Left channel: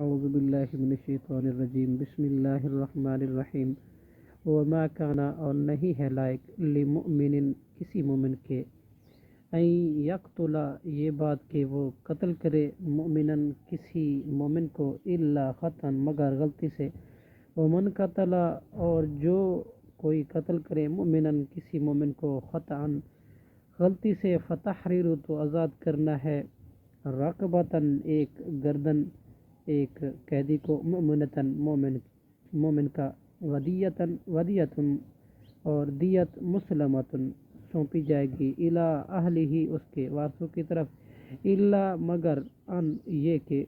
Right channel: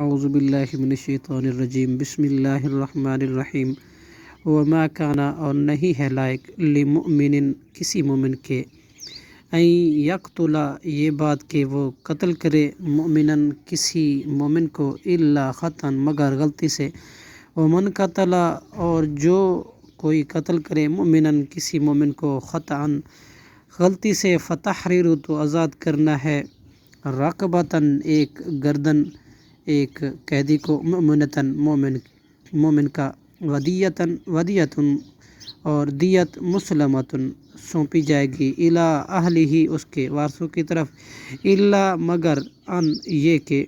اعوذ باللہ من الشیطان الرجیم بسم اللہ الرحمن الرحیم وما کانا اور نہیں ہے لائق لمؤمن کسی مومن کے ان یقتلا یہ بات کہ وہ قتل کرے مؤمنن کسی مومن کو الا خطأ مگر غلطی سے ومن قتلا اور جو کوئی قتل کرے مؤمنن کسی مومن کو خطأ غلطی سے فتحریر تو آزاد کرنا ہے رقبتاً ایک گردن ایک قیدی کو مؤمنتاً مومن کا ودیتاً اور دیت مسلمتاً سونپی جائے گی الی اہلہ اس کے وارثوں کی طرف الا مگر ان یہ کہ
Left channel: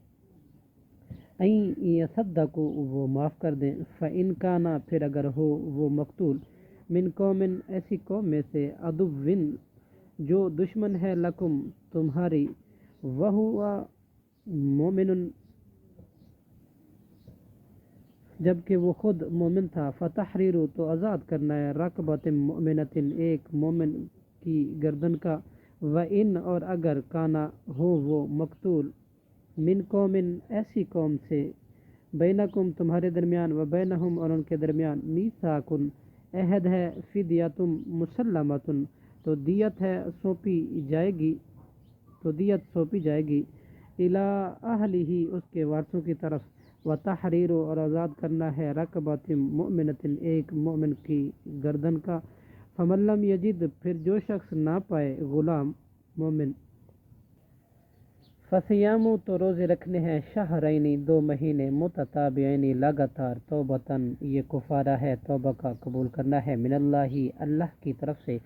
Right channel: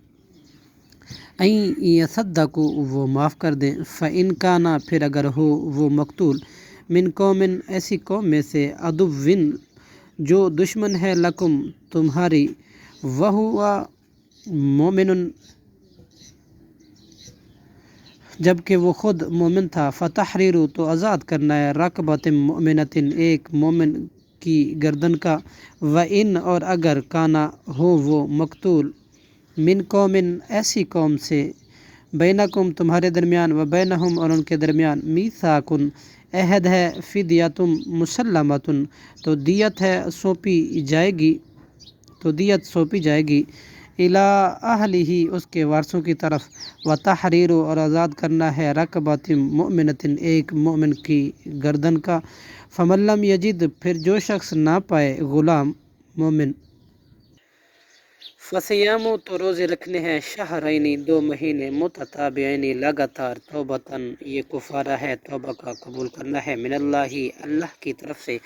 این یصدقوا وہ معاف کر دیں فإن کانا پھر اگر ہو وہ مقتول من قوم ایسی قوم میں سے عدوٍ جو دشمن ہے لکم تمہاری وہو مومن جبکہ وہ خود مومن تھا فتحریر تو آزاد کرنا ہے رقبۃ مؤمنۃ ایک مومن کی گردن کا وَإِنْ اور اگر کانا ہو وہ مقتول من قوم ایسی قوم سے بینکم تمہارے درمیان و بینہم اور ان کے درمیان میثاق عہد ہے فدیۃ مسلمۃ تو دیت سونپی جائے گی الی اہلہ اس کے وارثوں کی طرف وتحریر اور آزاد کرنا ہے رقبۃ مؤمنۃ ایک مومن کی گردن کا فمن لم یجد پھر جو شخص نہ پائے غلام مومن فصیام تو روزے رکھنے ہیں شہرین 2 مہینے متتابعین لگاتار توبتاً یہ کفارہ ہے توبہ کا قبول کرنا ہے من اللہ کی طرف سے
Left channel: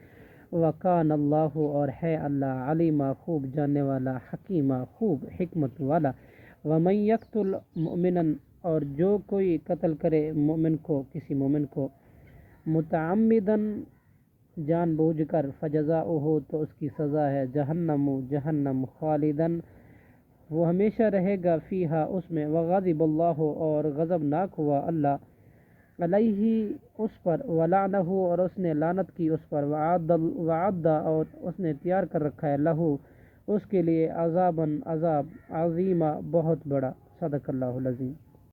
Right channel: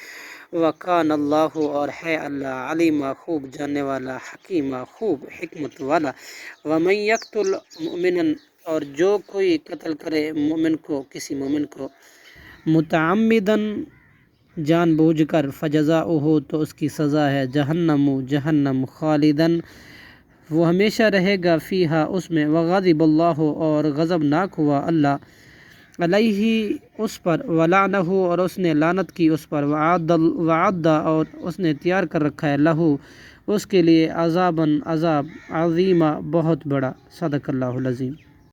وکان اللہ اور ہے اللہ علیما خوب جاننے والا حکیمہ خوب حکمت والا ومن یقتل مؤمنا اور جو کوئی قتل کرے مومن کو کسی مومن کو متعمداً جان بوجھ کر فجزاؤہ تو اس کی سزا ہے جہنم خالداً وہ ہمیشہ رہے گا فیہا اس میں وغضب اللہ اور غضبناک ہوا اللہ علیہ اس پر ولعنہ اور اس نے لعنت کی اس پر وعد اور اس نے تیار کر رکھا ہے لہو اس کے لیے عذاب عظیمہ بہت بڑا صدق اللہ العظیم.